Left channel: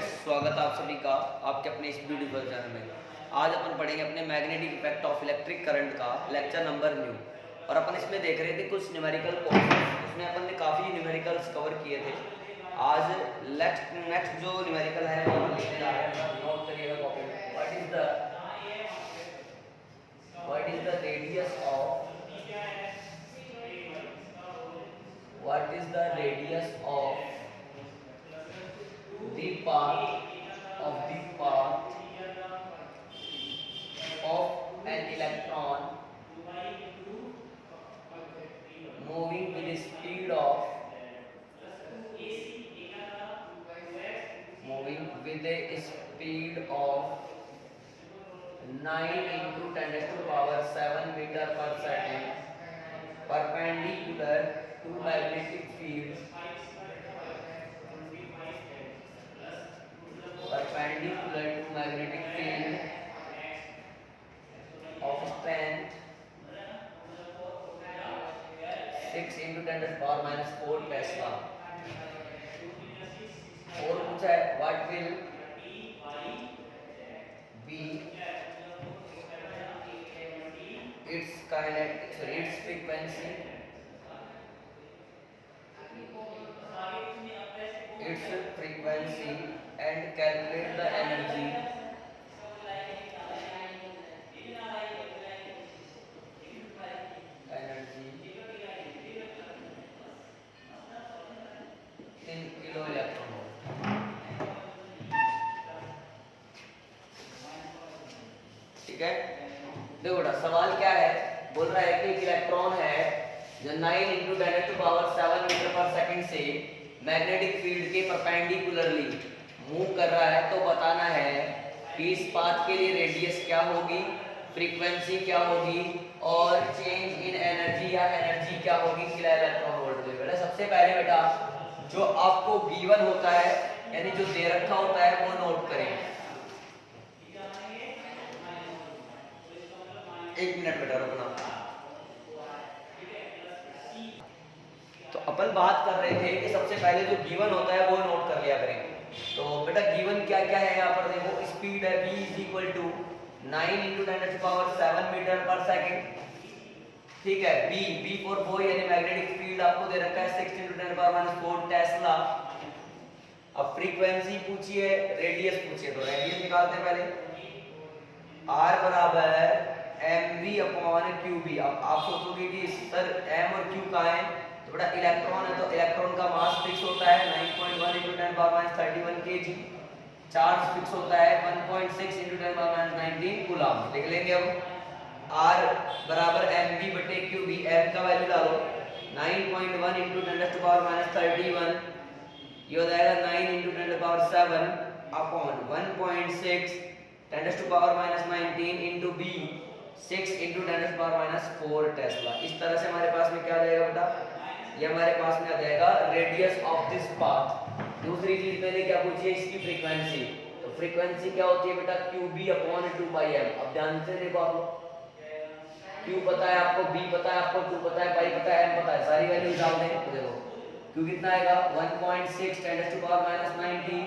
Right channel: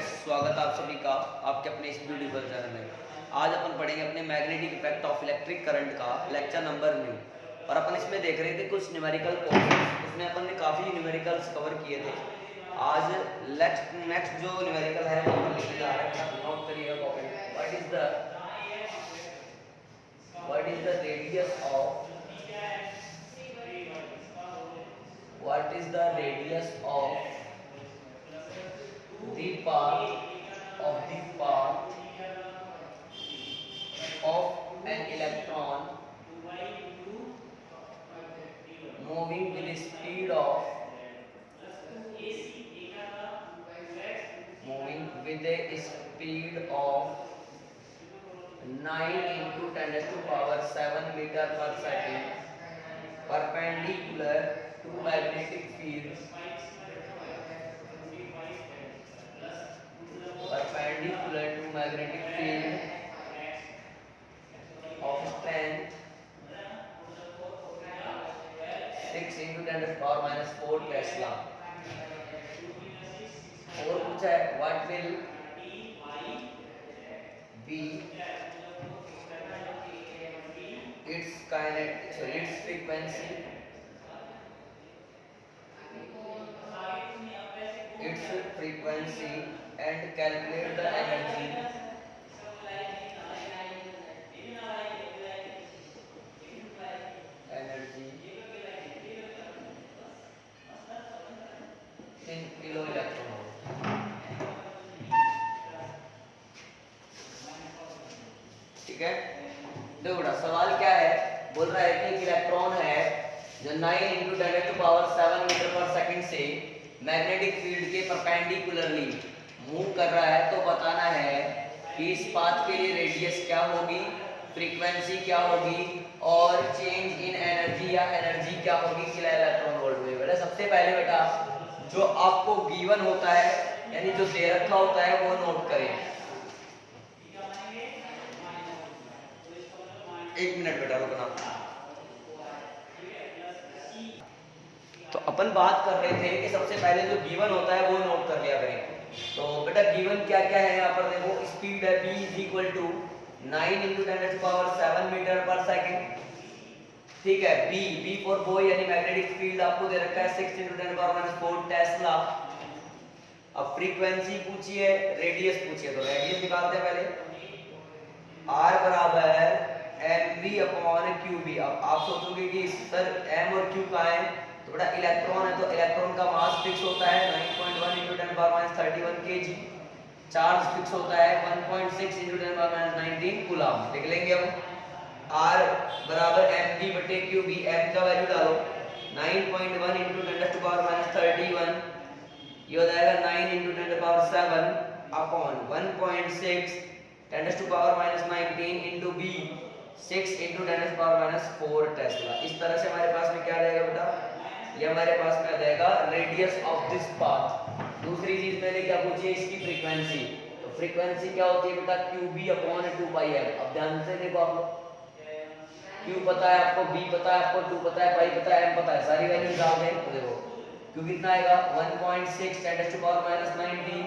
Friends, स्वागत है आप सभी का आपके अपने इस ब्यूटीफुल चैनल में। आज अपन पढ़ेंगे अपने magnetic effect of electric current का लेक्चर नंबर न्यू। और अपन इसमें देख रहे थे कुछ न्यूमेरिकल क्वेश्चन, इसमें अपन ने काफ़ी न्यूमेरिकल्स कवर किए थे। आज नेक्स्ट जो न्यूमेरिकल है वो अपन लिखने जा रहे हैं। नोट करिएगा कॉपी में। What is the radius of the path of an electron moving with a speed of 9 into 10 to the power 7 meter per second perpendicular to magnetic field of strength 6 into 10 to the power minus 4 Tesla। और पूछा है what will be its frequency and calculate the energy in kilo electron volt। ठीक है, देखो बेटा सवाल क्या है। बोल रहा है कि एक इलेक्ट्रॉन है जो 9 into 10 to the power 7 metre per second से मैग्नेटिक फील्ड के परपेंडिकुलरली मूव कर रहा है। तो बताना है कि इस पाथ के लिए रेडियस क्या होगी, फ्रीक्वेंसी क्या होगी और चेंज इन एनर्जी या एनर्जी क्या होगी किलो इलेक्ट्रॉन वोल्ट में। बेटा सबसे पहले बेटा जो आपको गिवन होता है यानी जो दे रखा होता है वो नोट करें। एक मिनट बेटा रुकना। तो अपन बात कर रहे थे कि सबसे पहले जो गिवन होता है वो नोट कर लिया करें। तो बेटा गिवन क्या क्या है यहाँ पर देखो। स्पीड है v is equal to 9 into 10 to the power 7 metre per second. ठीक है, v फॉर बॉय यानी मैग्नेटिक फील्ड आपको दे रखा है 6 into 10 to the power minus 4 Tesla. अब फ्रीक्वेंसी पूछी है, रेडियस पूछी है, तो रेडियस निकालते हैं पहले। r बराबर है mv अपॉन qv। अब आप सोचोगे कि सर m और q कहाँ है, तो बड़ा इलेक्ट्रॉन है तो इलेक्ट्रॉन का मास फिक्स होता है 9.1 into 10 power minus 31 kg। Charge fix होता है 1.6 into 10 power minus 19 कूलम। लिख लेंगे हम r बराबर mv बटे qv। m का वैल्यू डालो 9.1 into 10 to the power minus 31, ये हो जाएगा 9 into 10 to the power 7 upon 1.6 10 to the power minus 19 into b 6 into 10 to the power minus 4 Tesla. इस तरह से हमारे पास में क्या आ जाएगा बेटा, ये हमारे पास में आ जाएगा रेडियस ऑफ दिस पाथ। दूसरी चीज मैंने क्या पूछी है, इसकी फ्रीक्वेंसी। तो फ्रीक्वेंसी क्या होती है बेटा qb अपॉन 2πm। अब ध्यान से देखो आप लोग, q पता है आपको, b पता है आपको, 2 पता है, पाई पता है, m पता है, सारी वैल्यू डाल दें तो देखो q कितना आएगा 1.6 10 to the power minus 19।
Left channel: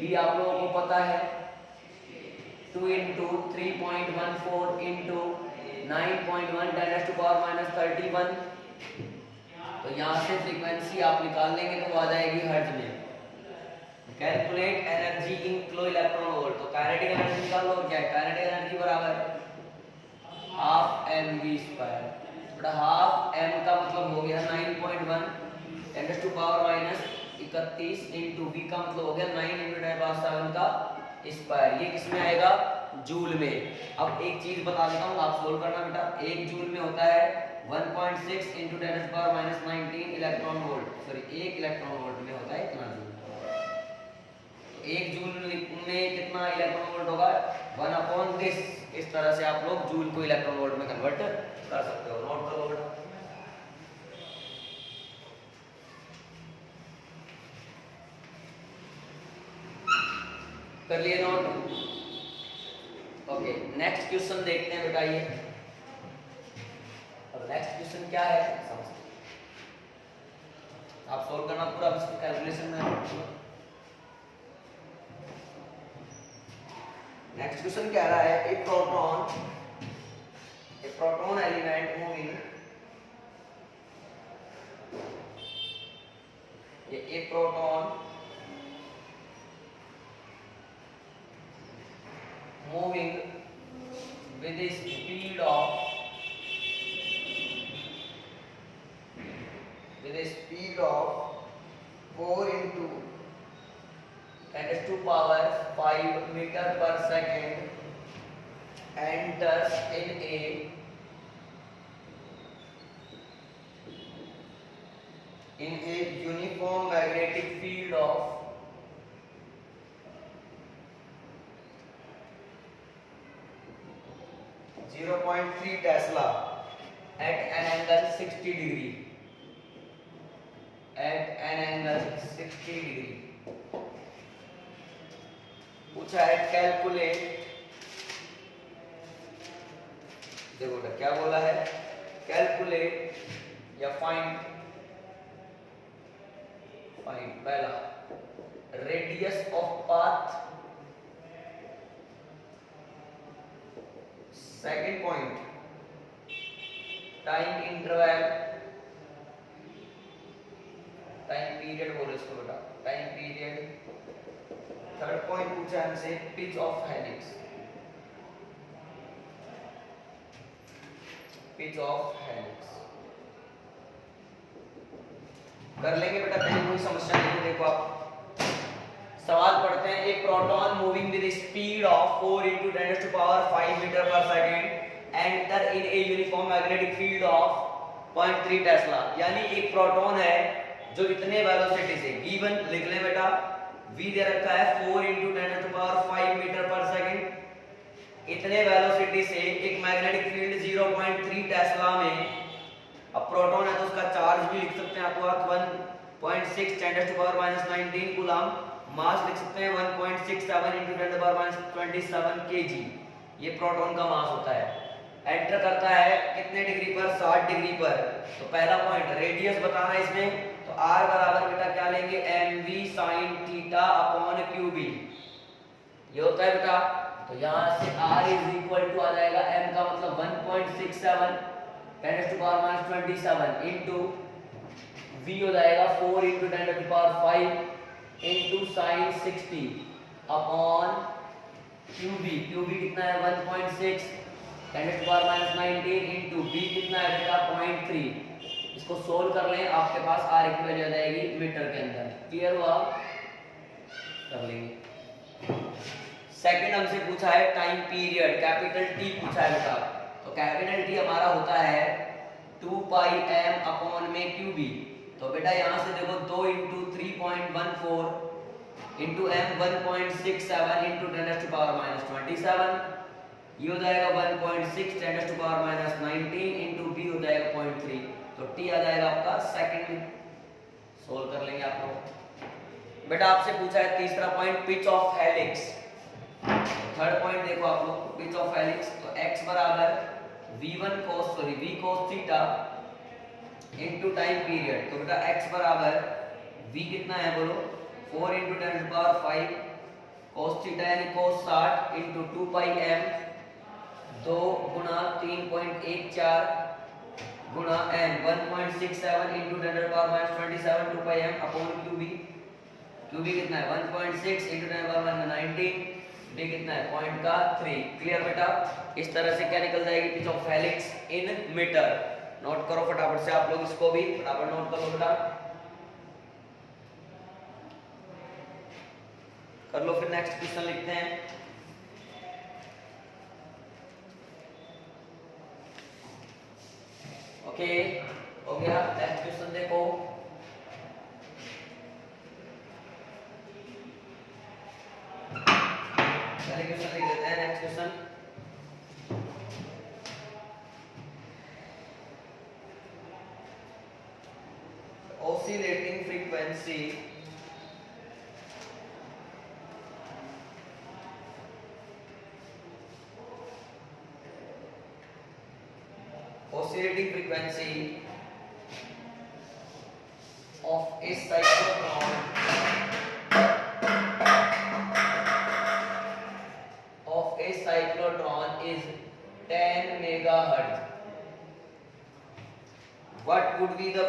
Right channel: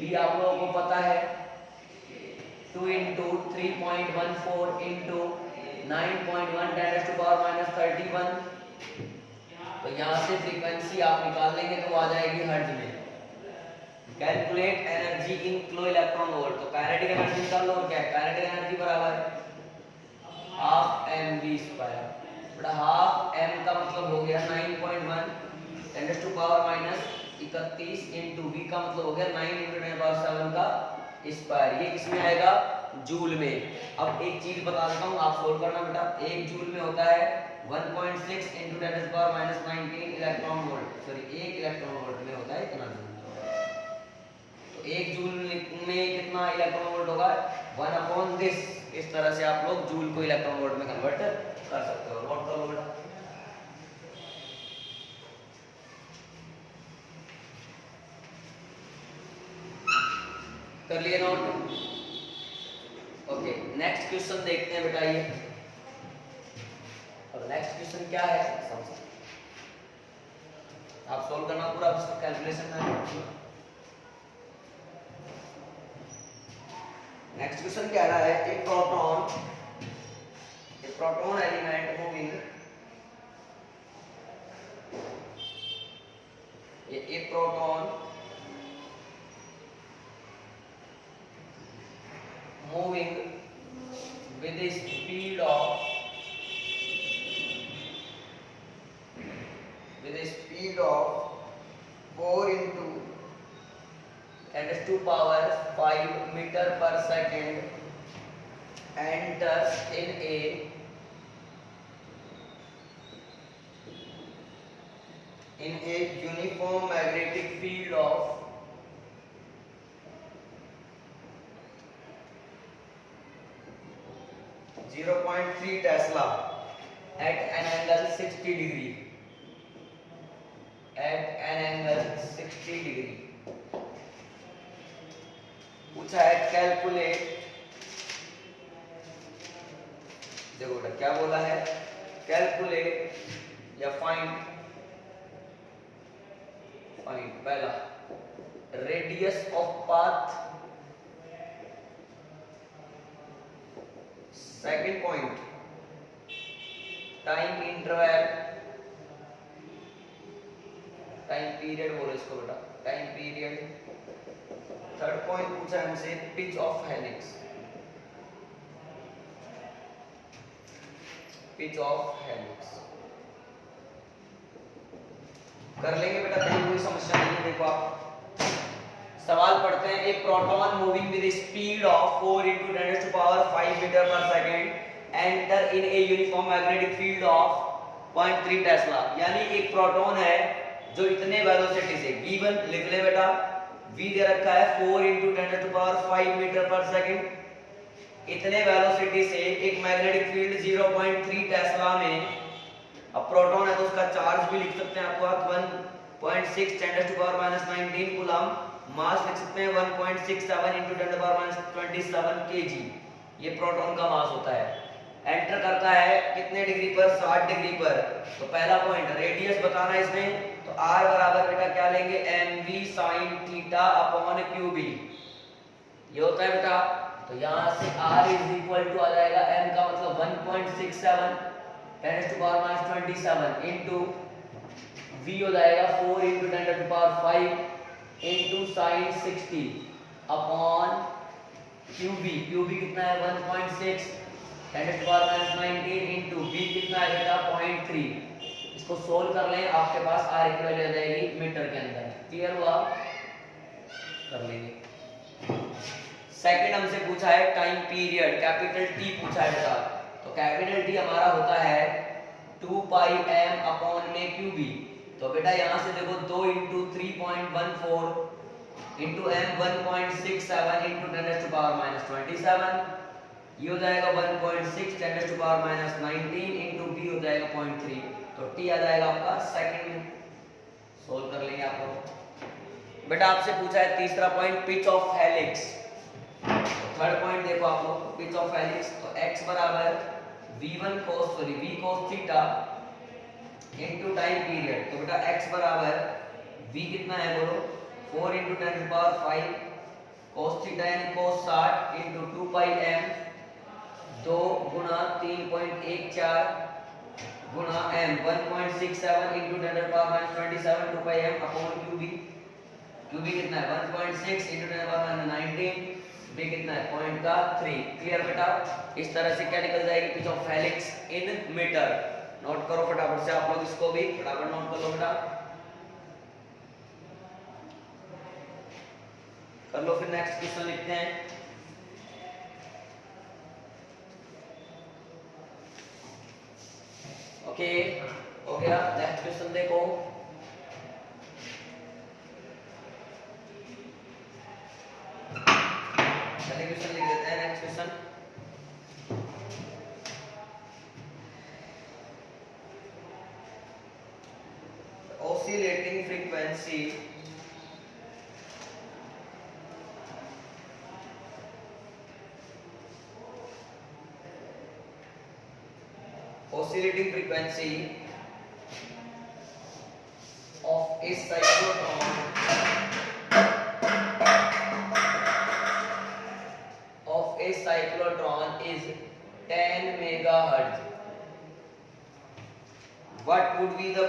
b आप लोगों को पता है 2 into 3.14 into 9.1 10 to the power minus 31। तो यहाँ से फ्रीक्वेंसी आप निकाल लेंगे तो आ जाएगी हर्ट्ज में। Calculate energy in kilo electron volt. तो काइनेटिक एनर्जी निकाल लो। क्या है काइनेटिक एनर्जी बराबर हाफ mv स्क्वायर। बड़ा हाफ m का मतलब हो गया 9.1 10 to the power minus 31 into v का मतलब हो गया 9 into 10 power 7 का स्क्वायर। ये किसमें आएगा, जूल में। अब एक चीज बता देता हूँ, आप सोल्व करना बेटा। 1 जूल में होता है 1.6 into 10 to the power minus 19 electron volt. Sorry 1 electron volt में होता है इतना जूल। तो 1 जूल में कितना इलेक्ट्रॉन वोल्ट होगा 1 अपॉन दिस। इस तरह से आप लोग जूल को इलेक्ट्रॉन वोल्ट में कन्वर्ट कर सकते हो। नोट करो बेटा। कर लिए नोट। ओके, नेक्स्ट क्वेश्चन देखते हैं बेटा। ये अब नेक्स्ट क्वेश्चन क्या है, आप सॉल्व करना पूरा उसका कैलकुलेशन में। नेक्स्ट क्वेश्चन कह रहा है एक प्रोटॉन एलिमेंट मूविंग, ये proton moving with a speed of 4 into 10⁵ meter per second enters in a uniform magnetic field of 0.3 Tesla at an angle 60 degree. पूछा है कैलकुलेट, देखो बेटा क्या बोला है, कैलकुलेट या फाइंड पहला radius of path, second point time interval, time period बोलो इसको बेटा, टाइम पीरियड, थर्ड पॉइंट पूछा हमसे पिच ऑफ हेलिक्स, कर लेंगे बेटा, कहीं कोई समस्या नहीं है। देखो आप सवाल पढ़ते हैं, एक proton moving with speed of 4 into 10⁵ meter per second enter in a uniform magnetic field of 0.3 tesla, यानी एक प्रोटॉन है जो इतने वेलोसिटी से, गिवन लिख ले बेटा, v दे रखा है 4 into 10⁵ मीटर पर सेकंड, इतने वेलोसिटी से एक मैग्नेटिक फील्ड 0.3 टेस्ला में, अब प्रोटॉन है तो उसका चार्ज भी लिख सकते हैं आपको 1.6 10⁻⁻19 कूलम, मास लिख सकते हैं 1.67 into 10⁻27 kg, ये प्रोटॉन का मास होता है। एंटर करता है कितने डिग्री पर, 60 डिग्री पर। तो पहला पॉइंट रेडियस बताना है इसमें, तो r बराबर बेटा क्या लेंगे, mv sin theta upon qb, ये होता है बेटा। तो यहाँ से r इज इक्वल टू आ जाएगा, m का मतलब 1.67 10⁻27 इंटू v हो जाएगा 4 into 10⁵ into sine 60 upon qb कितना है 1.6 10⁻⁻19 इंटू b कितना है बेटा 0.3, इसको सोल्व कर लें, आपके पास r की वैल्यू आ जाएगी मीटर के अंदर। क्लियर हुआ, कर लेंगे। सेकंड हमसे पूछा है टाइम पीरियड, कैपिटल T पूछा है बेटा, तो कैपिटल T हमारा होता है 2πm अपॉन में qb, तो बेटा यहाँ से देखो 2 into 3.14 इंटू m 1.67 इंटू 10⁻⁻27, ये हो जाएगा 1.6 10⁻⁻19 इंटू b हो जाएगा 0.3, तो t आ जाएगा आपका सेकंड में। सोल्व कर लेंगे आप लोग। बेटा आपसे पूछा है तीसरा point pitch of helix, third point देखो आप लोग, पिच ऑफ हेलिक्स, तो x बराबर v cos theta into time period, तो बेटा x बराबर v कितना है बोलो 4 into 10⁵ cos थीटा यानी cos 60 इंटू 2πm 2 गुणा 3.14 गुणा m 1.67 into 10⁻⁻27 2πm upon qb कितना है 1.6 इंटू 10⁻⁻19, b कितना है 0.3। क्लियर बेटा, इस तरह से क्या निकल जाएगी pitch of helix in metre. Note करो फटाफट से आप लोग, इसको भी फटाफट नोट कर लो बेटा, कर लो। फिर नेक्स्ट क्वेश्चन लिखते हैं। ओके हो गया, नेक्स्ट क्वेश्चन देखो। चलिए क्वेश्चन लिख देते हैं, next question. oscillating frequency of a cyclotron of megahertz. What would be the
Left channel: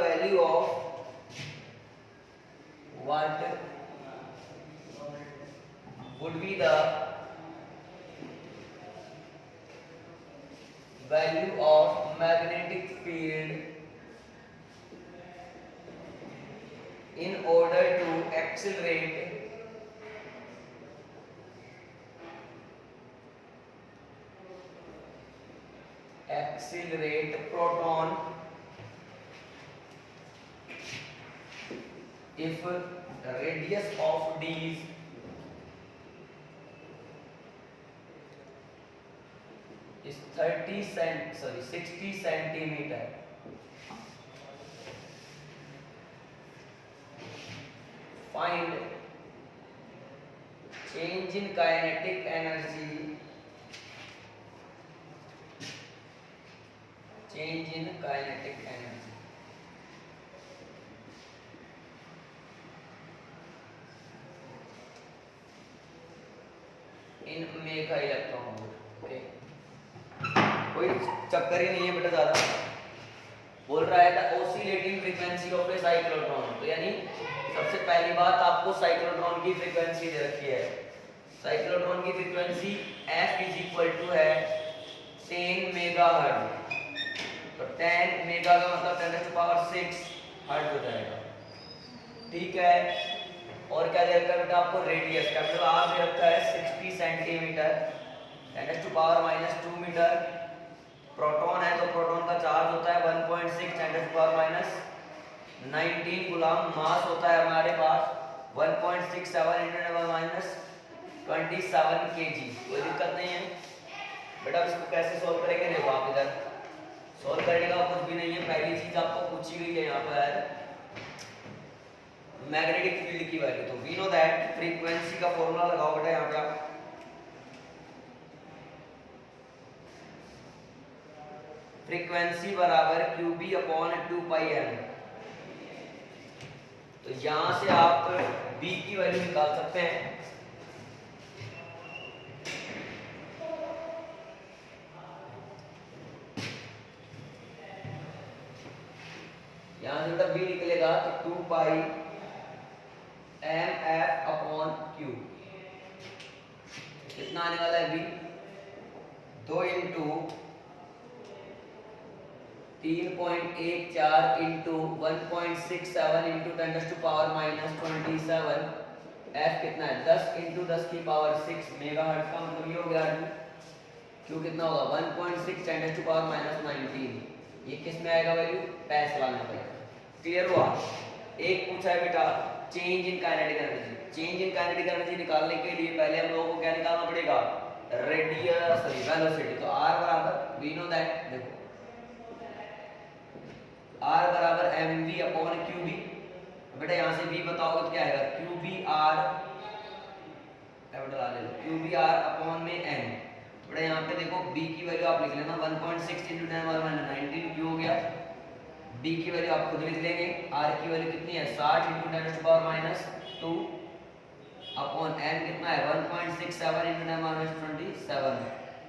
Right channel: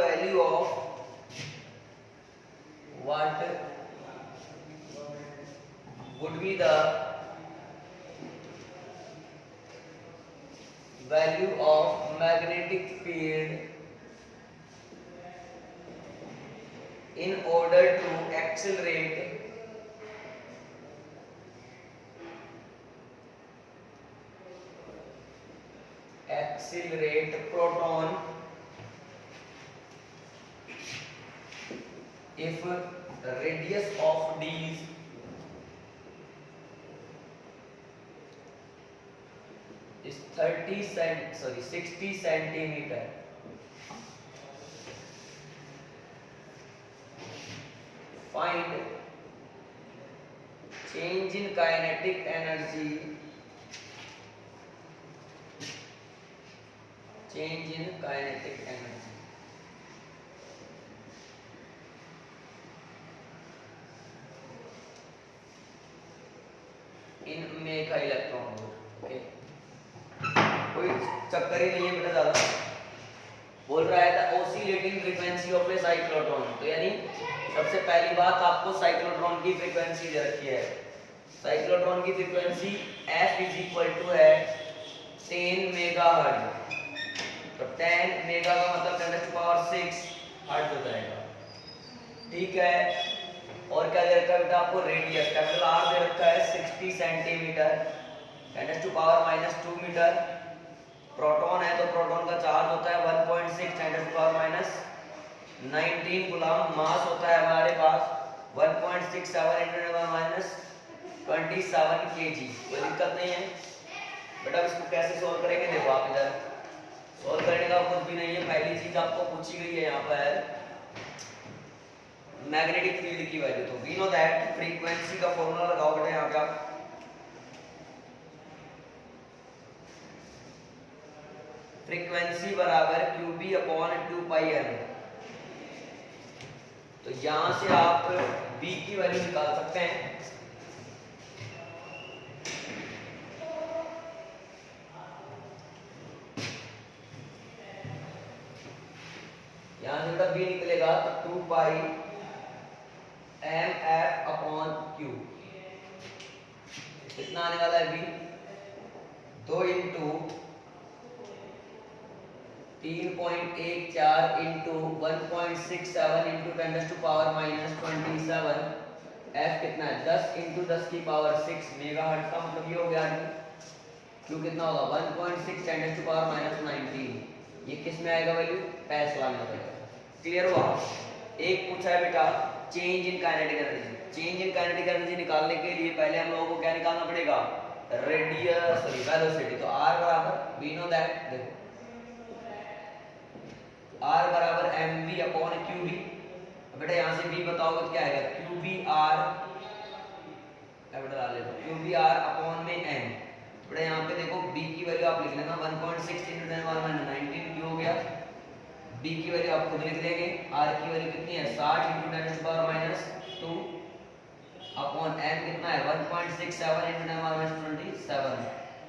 value of magnetic field in order to accelerate 'accelerate' proton if radius of these is 60 centimeter. Find change in kinetic energy in mega electron volt. Okay, कोई चक्कर ही नहीं है बेटा ज्यादा। बोल रहा है the oscillating frequency of A cyclotron, तो यानी सबसे पहली बात आपको साइक्लोट्रॉन की फ्रीक्वेंसी दे रखी है। साइक्लोट्रॉन की frequency f is equal to है 10 मेगाहर्ट्ज। तो 10 मेगा का मतलब 10⁶ हर्ट्ज हो जाएगा। ठीक है, और क्या दे रखा है बेटा आपको? रेडियस कैपिटल R दे रखा है 60 सेंटीमीटर, 10⁻² मीटर। प्रोटॉन है तो प्रोटॉन का चार्ज होता है 1.6 10⁻19 गुलाम। मास होता है हमारे पास 1.67 × 10⁻27 kg। कोई दिक्कत नहीं है बेटा। इसको कैसे सॉल्व करेंगे? देखो आप इधर सॉल्व करने का कुछ भी नहीं है। पहली चीज आपको पूछी गई है यहाँ पर मैग्नेटिक फील्ड की वैल्यू। तो वी नो दैट फ्रीक्वेंसी का फॉर्मूला लगाओ बेटा यहाँ पे आप। फ्रीक्वेंसी बराबर QB/2πn। तो यहां से आप B की वैल्यू निकाल सकते हैं। यहां से बेटा B निकलेगा तो 2πmF/Q। कितना आने वाला है B? 2 × 3.14 × 1.67 × 10⁻27। F कितना है? 10 × 10⁶ मेगाहर्ट्ज का मतलब ये हो गया। Q कितना होगा? 1.6 10⁻19। ये किस में आएगा वैल्यू? पैसला में आएगा। क्लियर हुआ? एक पूछा है बेटा change in kinetic energy. Change in kinetic energy निकालने के लिए पहले हम लोगों को क्या निकालना पड़ेगा? वेलोसिटी। तो R बराबर वी नो दैट, देखो R बराबर mv/qb। बेटा यहाँ से v बताओगे तो क्या आएगा? QBR कैपिटल R ले लो, QBR/n। बेटा यहाँ पे देखो b की वैल्यू आप लिख लेना 1.6 × 10⁻19 Q हो गया। b की वैल्यू आप खुद लिख लेंगे। r की वैल्यू कितनी है? 60 × 10⁻²/n कितना है? 1.67 × 10⁻27।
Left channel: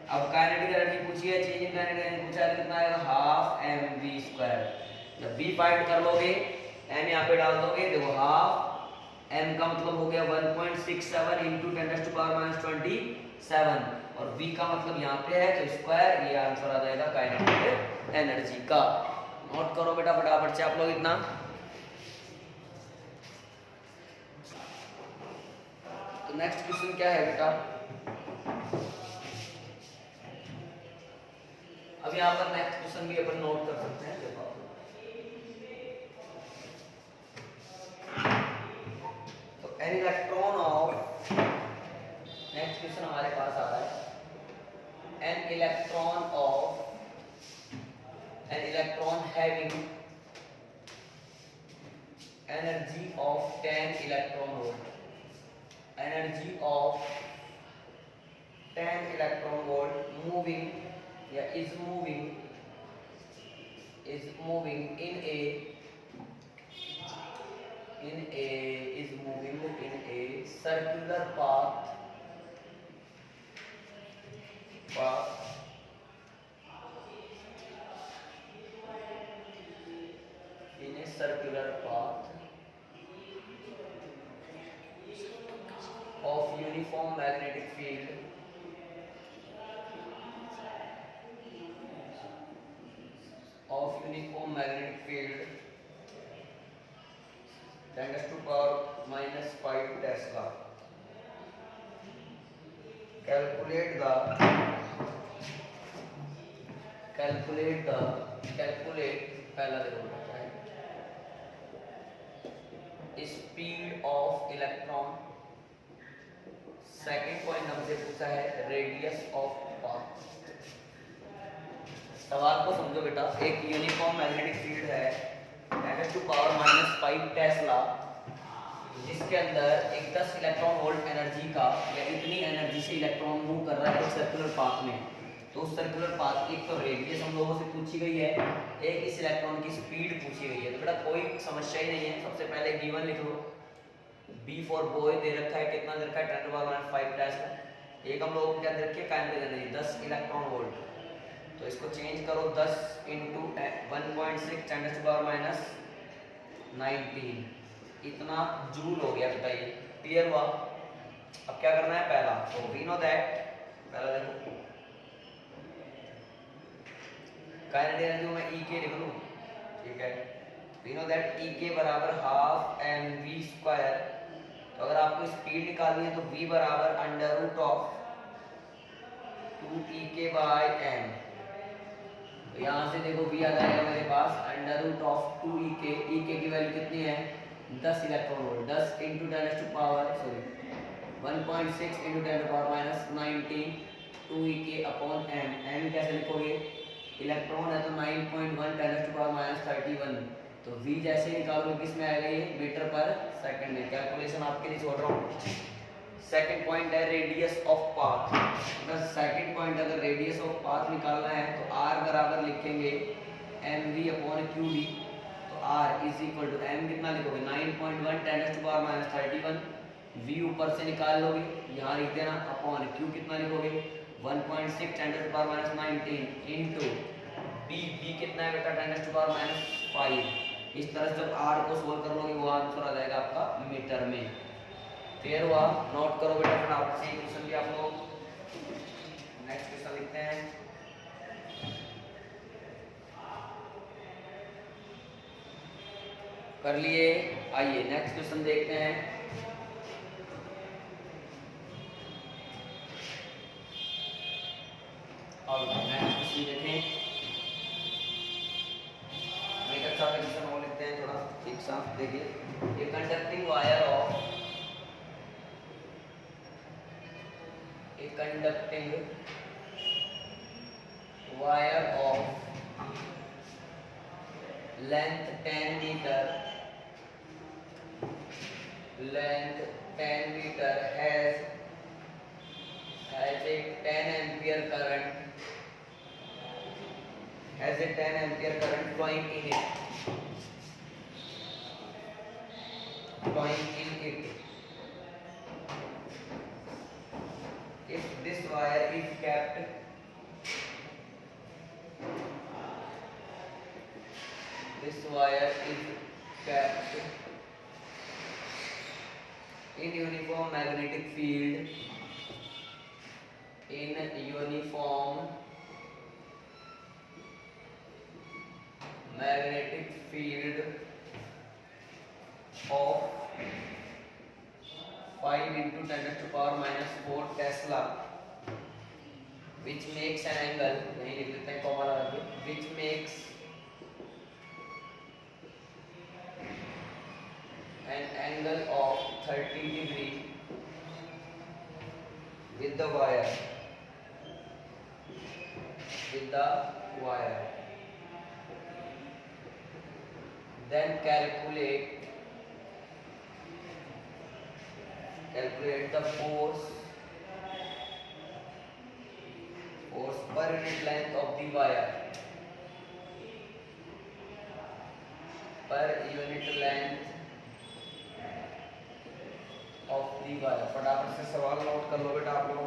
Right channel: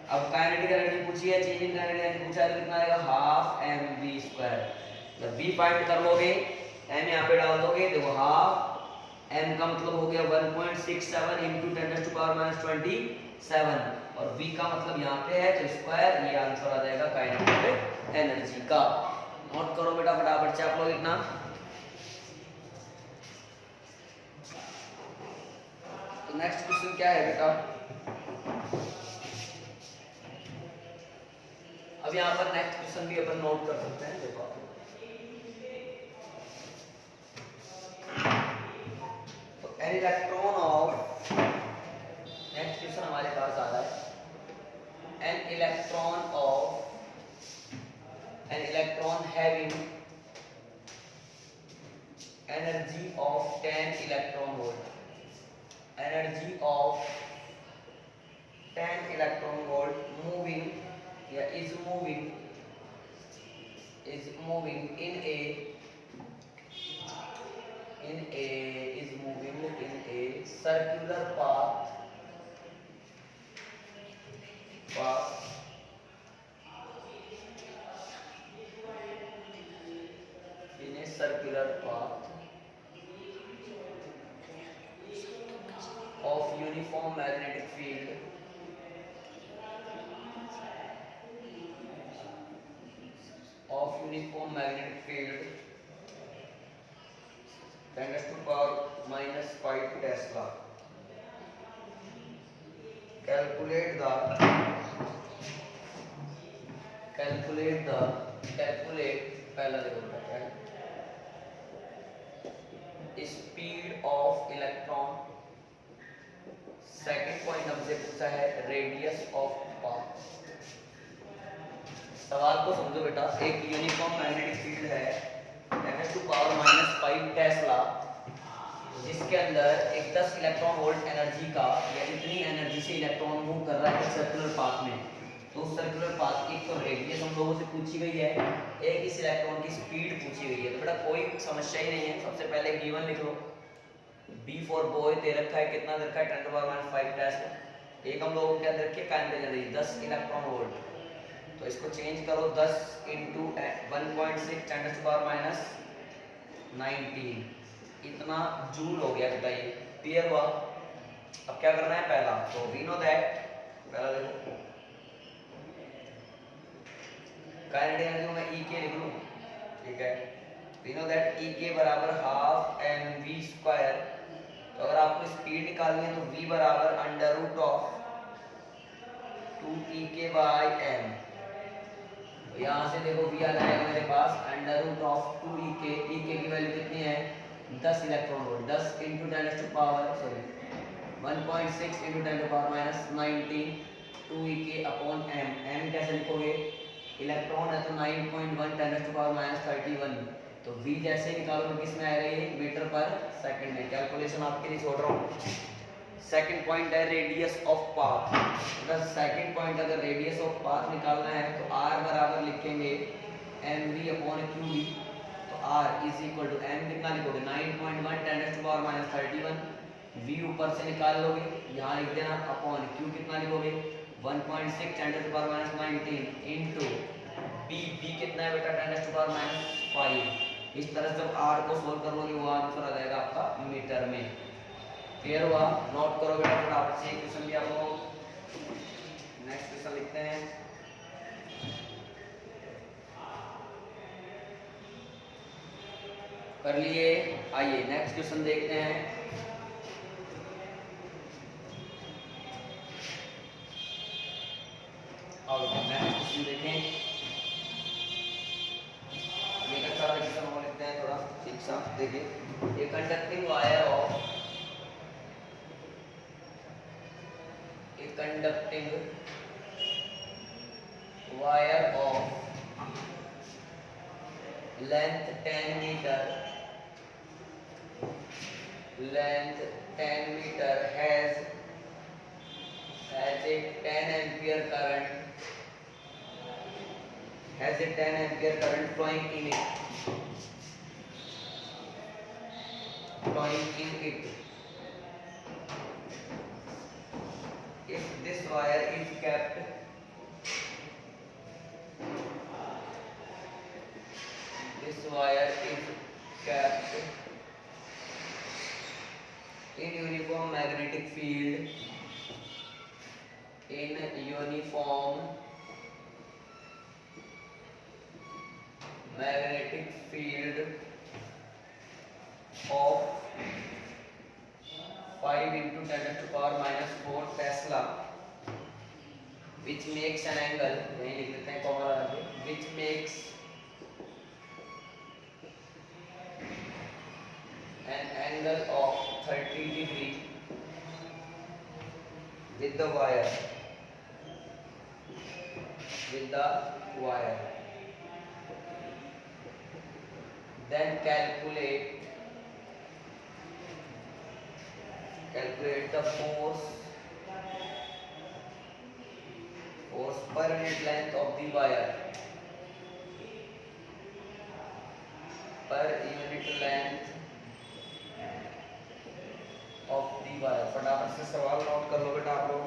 अब काइनेटिक एनर्जी पूछी है, चेंज इन काइनेटिक एनर्जी पूछा है, कितना आएगा? ½ mv²। जब v फाइंड कर लोगे m यहाँ पे डाल दोगे, देखो ½ m का मतलब हो गया 1.67 × 10⁻27 और v का मतलब यहाँ पे है तो स्क्वायर। ये आंसर आ जाएगा काइनेटिक एनर्जी का। नोट करो बेटा फटाफट से आप लोग इतना। तो नेक्स्ट क्वेश्चन क्या है बेटा? अब यहाँ पर नेक्स्ट क्वेश्चन भी अपन नोट कर सकते हैं। देखो तो an electron of, next question हमारे पास आ रहा है an electron having energy of 10 electron volt. Energy of 10 electron volt moving या is moving in a circular path of uniform magnetic field × 10⁻⁵ Tesla. Calculate पहला देखो क्या है, speed of electron. Second point हमसे पूछा है रेडियस ऑफ पाथ. सवाल को समझो बेटा, एक यूनिफॉर्म मैग्नेटिक फील्ड है 10⁻⁵ टेस्ला, जिसके अंदर एक 10 इलेक्ट्रॉन वोल्ट एनर्जी का या इतनी एनर्जी से इलेक्ट्रॉन मूव कर रहा है सर्कुलर पाथ में. तो उस सर्कुलर पाथ की तो रेडियस हम लोगों से पूछी गई है, एक इस इलेक्ट्रॉन की स्पीड पूछी गई है. तो बेटा कोई समस्या ही नहीं है. सबसे पहले गिवन लिख लो, बी फॉर बॉय दे रखा है, कितना दे रखा है 10⁻⁵ टेस्ला. एक हम लोगों को क्या दे रखी है काइनेटिक एनर्जी 10 इलेक्ट्रॉन वोल्ट. तो इसको चेंज करो 10 × 1.6 10⁻⁹ इतना जूल हो गया बेटा. ये क्लियर हुआ. अब क्या करना है पहला, तो वी नो दैट पहला देखो काइनेटिक एनर्जी में E के लिख लूं. ठीक है, वी नो दैट E के बराबर ½ mv². तो अगर आपको स्पीड निकालनी है तो V बराबर √2EK/m. तो यहाँ से देखो V आ जाएगा मेरे पास √2EK. EK की वैल्यू कितनी है 10 इलेक्ट्रॉन वोल्ट. 10 × 1.6 × 10⁻⁹ 2EK/m. m कैसे लिखोगे, इलेक्ट्रॉन है तो 9.1 10⁻⁻31. तो V जैसे निकालोगे किस में आएगा, ये मीटर पर सेकंड में. कैलकुलेशन आपके लिए छोड़ रहा हूँ. सेकंड पॉइंट है radius of path. Second point अगर रेडियस ऑफ पाथ निकालना है तो R बराबर लिखेंगे mv/qd. तो R is equal to m कितना लिखोगे 9.1 10⁻⁻31. V ऊपर से निकाल लोगे, यहाँ लिख देना, अपॉन Q कितना लिखोगे 1.6 10⁻⁹ इंटू B. B कितना है बेटा 10⁻⁵. इस तरह से जब R को सोल्व कर लोगे वो आंसर आ जाएगा आपका मीटर में. क्लियर हुआ. नोट करो बेटा, फिर आपसे एक क्वेश्चन दिया हम लोग. नेक्स्ट क्वेश्चन लिखते हैं. कर लिए. आइए नेक्स्ट क्वेश्चन देखते हैं. अब नेक्स्ट क्वेश्चन देखें. एक अच्छा क्वेश्चन और लिखते हैं थोड़ा ठीक सा. देखिए, a conducting wire of length 10 meter has a 10 ampere current flowing in it. If this wire is kept in uniform magnetic field of 5 × 10⁻⁴ Tesla, which makes an angle, यही लिख देते हैं कॉमा लगा के, which makes an angle of 30 degree with the wire. Then calculate the force per unit length of the wire. फटाफट से सवाल note कर लो बेटा आप लोग.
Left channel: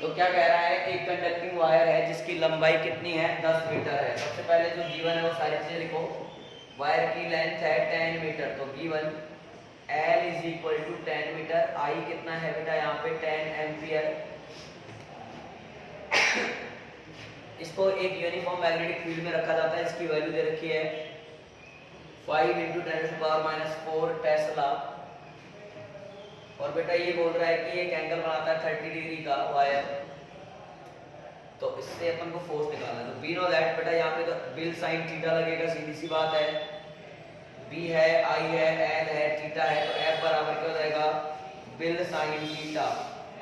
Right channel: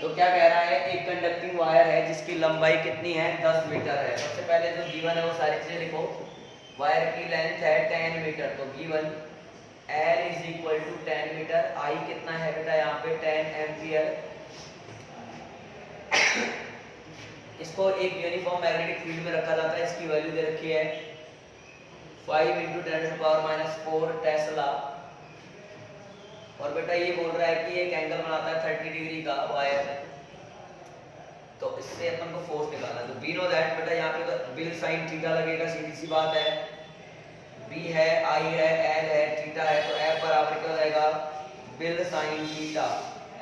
तो क्या कह रहा है, एक कंडक्टिंग वायर है जिसकी लंबाई कितनी है 10 मीटर है. सबसे पहले जो गिवन है वो सारी चीजें लिखो. वायर की लेंथ है 10 मीटर, तो given L is equal to 10 metre, I कितना है बेटा यहाँ पे 10 एम्पियर। इसको एक यूनिफॉर्म मैग्नेटिक फील्ड में रखा जाता है, इसकी वैल्यू दे रखी है 5 × 10⁻⁴ टेस्ला। और बेटा ये बोल रहा है कि एक एंगल बनाता है 30 डिग्री का वायर, तो इससे अपन को फोर्स निकालना है। तो वी नो दैट बेटा यहाँ पे तो बिल साइन थीटा लगेगा, सीधी सी बात है। बी है, आई है, एल है, थीटा है, तो एफ बराबर क्या हो जाएगा बिल साइन थीटा।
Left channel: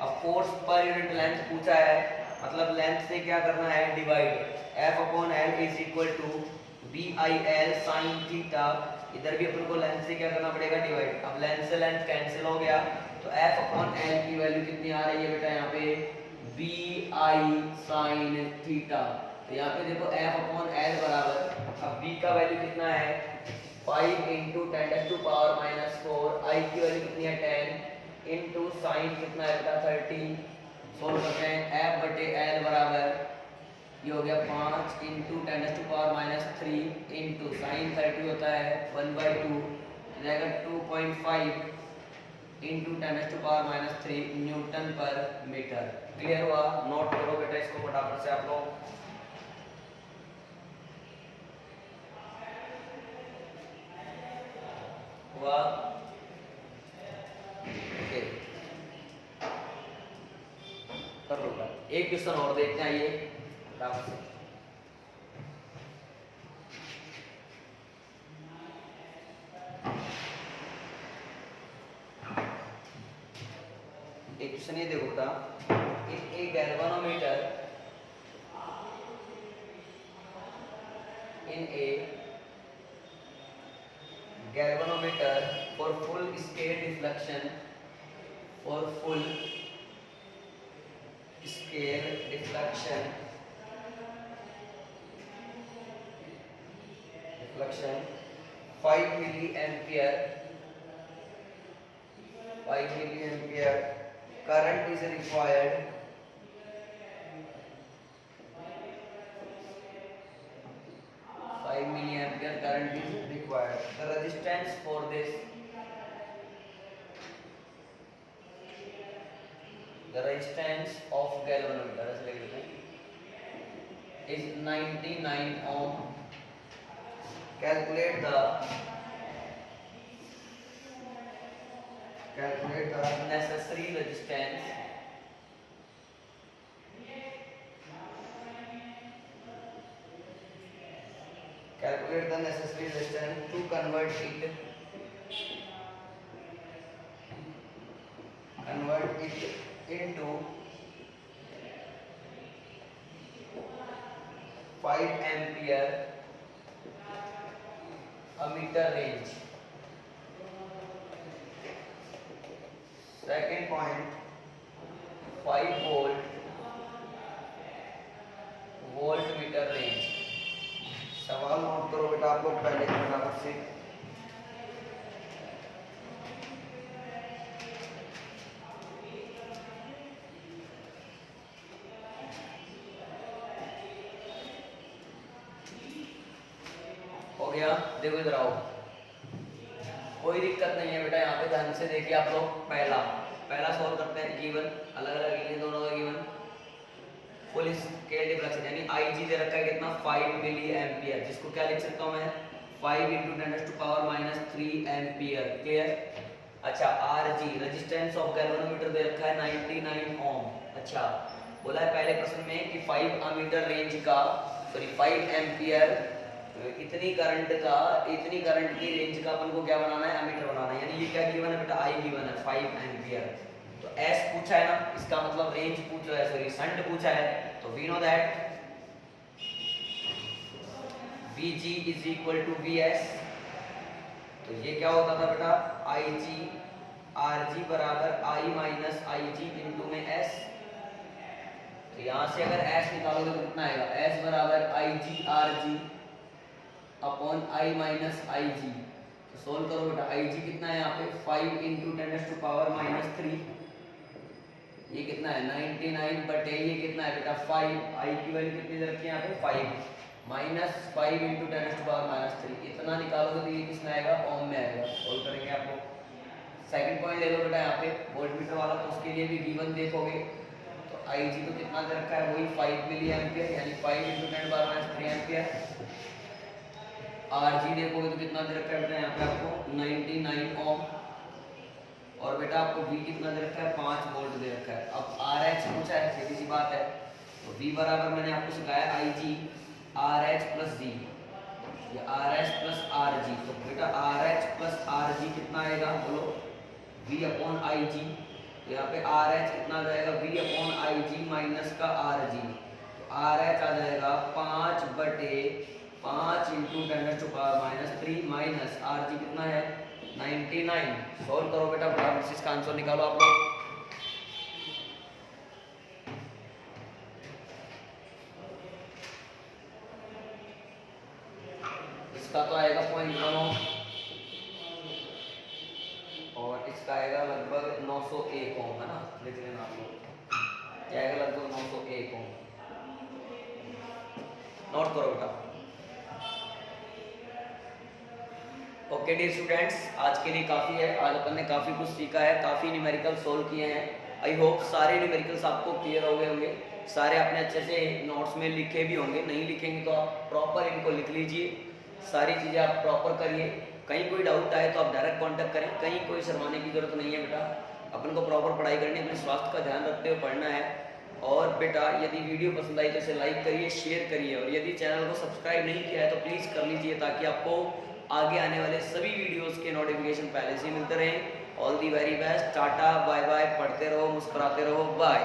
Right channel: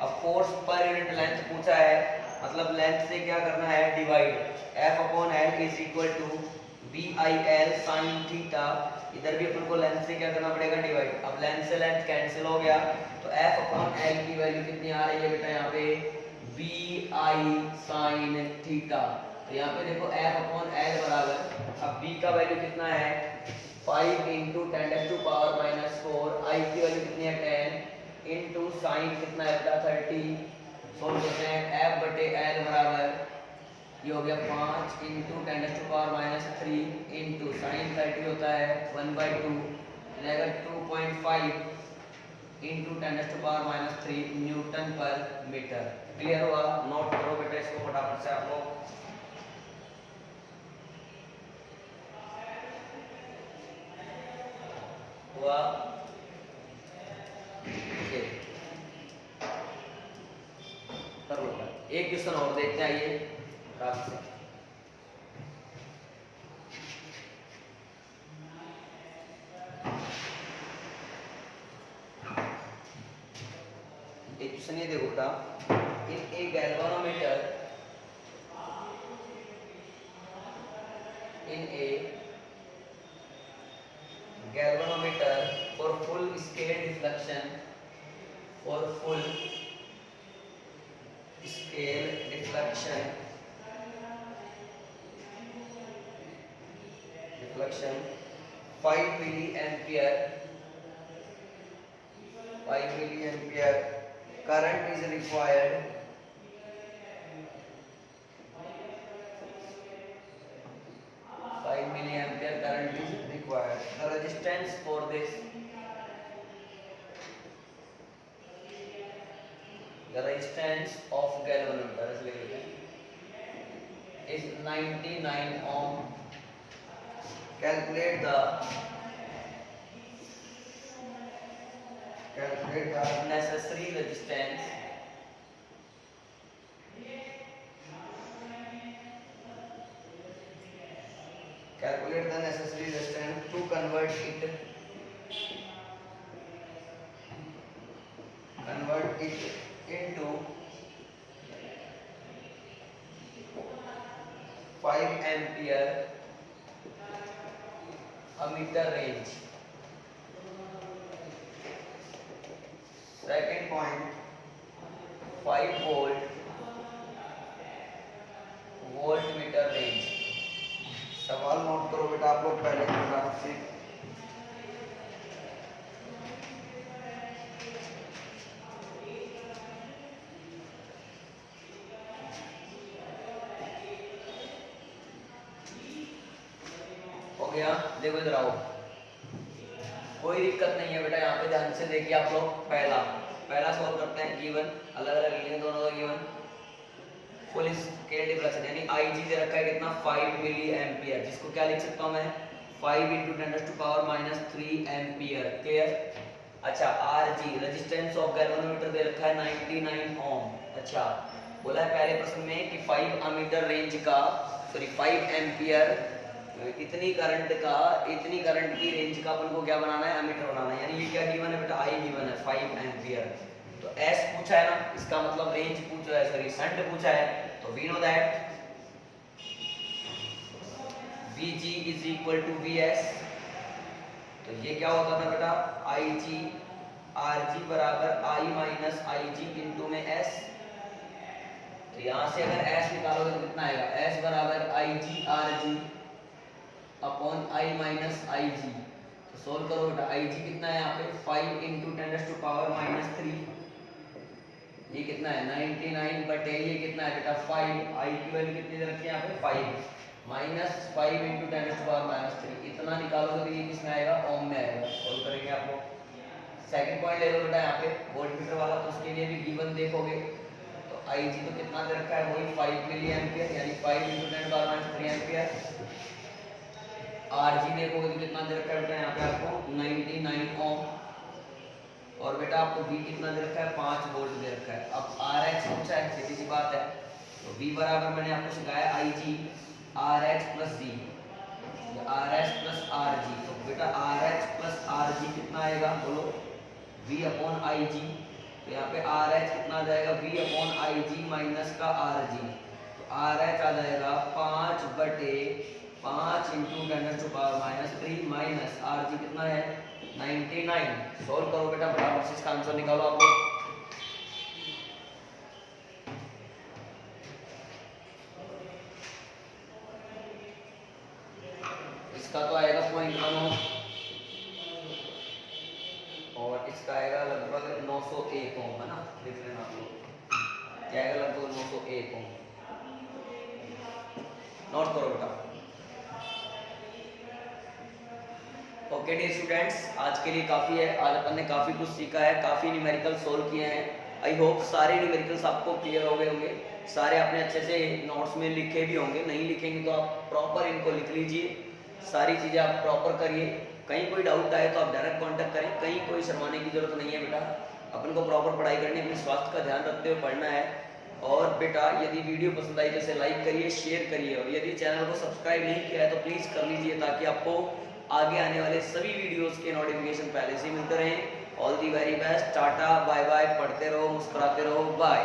अब फोर्स पर यूनिट लेंथ पूछा है, मतलब लेंथ से क्या करना है divide, F upon L is equal to B I L sine theta. इधर भी अपन को लेंथ से क्या करना पड़ेगा डिवाइड। अब लेंथ से लेंथ कैंसिल हो गया, तो एफ अपॉन एल की वैल्यू कितनी आ रही है बेटा यहाँ पे बी आई साइन थीटा। तो यहाँ पे देखो एफ अपॉन एल बराबर, अब बी का वैल्यू कितना है 5 × 10⁻⁴, आई की वैल्यू कितनी है 10 इंटू साइन कितना है बेटा 30। सोल्व करते हैं, एफ बटे एल बराबर ये हो गया 5 × 10⁻³ इंटू साइन 30 होता है 1/2, रहेगा 2.5 × 10⁻³ न्यूटन पर मीटर। क्लियर हुआ? नोट करो बेटा इसको फटाफट से आप लोग। हुआ? कर लो। एक क्वेश्चन और देखते हैं, आइए फटाफट से। एक क्वेश्चन ये देखो बेटा, in a galvanometer, in a galvanometer for full scale deflection, for full scale deflection 5 milliampere current is required, 5 milliampere current is required. The resistance for this, the resistance of galvanometer is 99 ohm. Calculate the necessary resistance to convert it into 5 ampere ammeter range. Second point, 5 voltmeter range. सवाल note करो बेटा आप लोग पहले फटाफट से। हो गया? देखो इधर आओ, कोई दिक्कत नहीं है बेटा, यहाँ पे ध्यान से देखिए आप लोग। पहला सॉल्व करते हैं। गिवन अलग अलग लिए दोनों का गिवन, फुल स्केल डिफ्लेक्शन यानी आईजी दे रखा है कितना 5 मिली एम्पियर, जिसको क्या लिख सकता हूँ मैं 5 × 10⁻³ एम्पियर। क्लियर? अच्छा, आरजी रेजिस्टेंस ऑफ गैल्वेनोमीटर दे रखा है 99 ओम। अच्छा, बोला है पहले प्रश्न में कि 5 अमीटर रेंज का, सॉरी 5 एम्पियर, इतनी करंट की रेंज का अपन को क्या बनाना है एमीटर बनाना है। यानी ये क्या गिवन है बेटा आई गिवन है 5 एम्पियर। तो एस पूछा है ना, इसका मतलब रेंज पूछा है, सॉरी शंट पूछा है। तो we know that Vg is equal to Vs। तो ये क्या होता था बेटा Ig Rg बराबर I माइनस Ig इंटू में S। तो यहाँ से अगर S निकालोगे तो कितना आएगा, S बराबर Ig Rg upon I minus Ig। तो सोल्व करो बेटा, Ig कितना है यहाँ पे 5 × 10⁻³ ये कितना है 99 बटे ये कितना है बेटा 5। I की वैल्यू कितनी दे रखी है यहाँ पे 5। -5 × 10⁻³ इतना निकालोगे तो ये किसमें आएगा, ओम में आएगा। सॉल्व करेंगे आप लोग। सेकंड पॉइंट ले लो बेटा यहाँ पे वोल्टमीटर वाला, तो उसके लिए भी गिवन देखोगे तो Ig तो कितना दे रखा है, वही 5 मिली एम्पियर यानी 5 × 10⁻³ एम्पियर। Rg देखोगे तो कितना दे रखा है बेटा यहाँ पे आपको 99 ओम। और बेटा आपको V कितना दे रखा है, 5 वोल्ट दे रखा है। अब RH पूछा है, सीधी सी बात है, तो V बराबर मैंने आपको सिखाया Ig RH + G, RS + RG। तो बेटा RH + RG कितना आएगा, बोलो V/Ig। तो यहाँ पे RH कितना आ जाएगा, V/Ig माइनस का RG। तो RH आ जाएगा 5/5 × 10⁻³ माइनस RG कितना है 99। सॉल्व करो बेटा फटाफट से इसका आंसर निकालो आप लोग। इसका तो आएगा 0.1 ओम और इसका आएगा लगभग 901 ओम, है ना, लिख लेना आप लोग, क्या आएगा लगभग 901 ओम। नोट करो बेटा। ओके डियर स्टूडेंट्स, आज के लिए काफ़ी है। आज अपन ने काफ़ी कुछ सीखा है, काफ़ी न्यूमेरिकल सोल्व किए हैं। आई होप सारे न्यूमेरिकल्स आपको क्लियर हो गए होंगे, सारे आपने अच्छे से नोट्स में लिखे भी होंगे। नहीं लिखेंगे तो आप प्रॉपर इनको लिख लीजिए, सारी चीज़ें आप प्रॉपर करिए। कहीं कोई डाउट आए तो आप डायरेक्ट कांटेक्ट करें, कहीं कोई शर्माने की जरूरत नहीं है बेटा। अपन को प्रॉपर पढ़ाई करनी है, अपने स्वास्थ्य का ध्यान रखते हुए पढ़ना है। और बेटा यदि वीडियो पसंद आई तो इसे लाइक करिए, शेयर करिए, और यदि चैनल को सब्सक्राइब नहीं किया है तो प्लीज़ कर लीजिए, ताकि आपको आगे आने वाले सभी वीडियोस के नोटिफिकेशन पहले से मिलते रहें। All the very best, tata bye bye, पढ़ते रहो, मुस्कुराते रहो, बाय।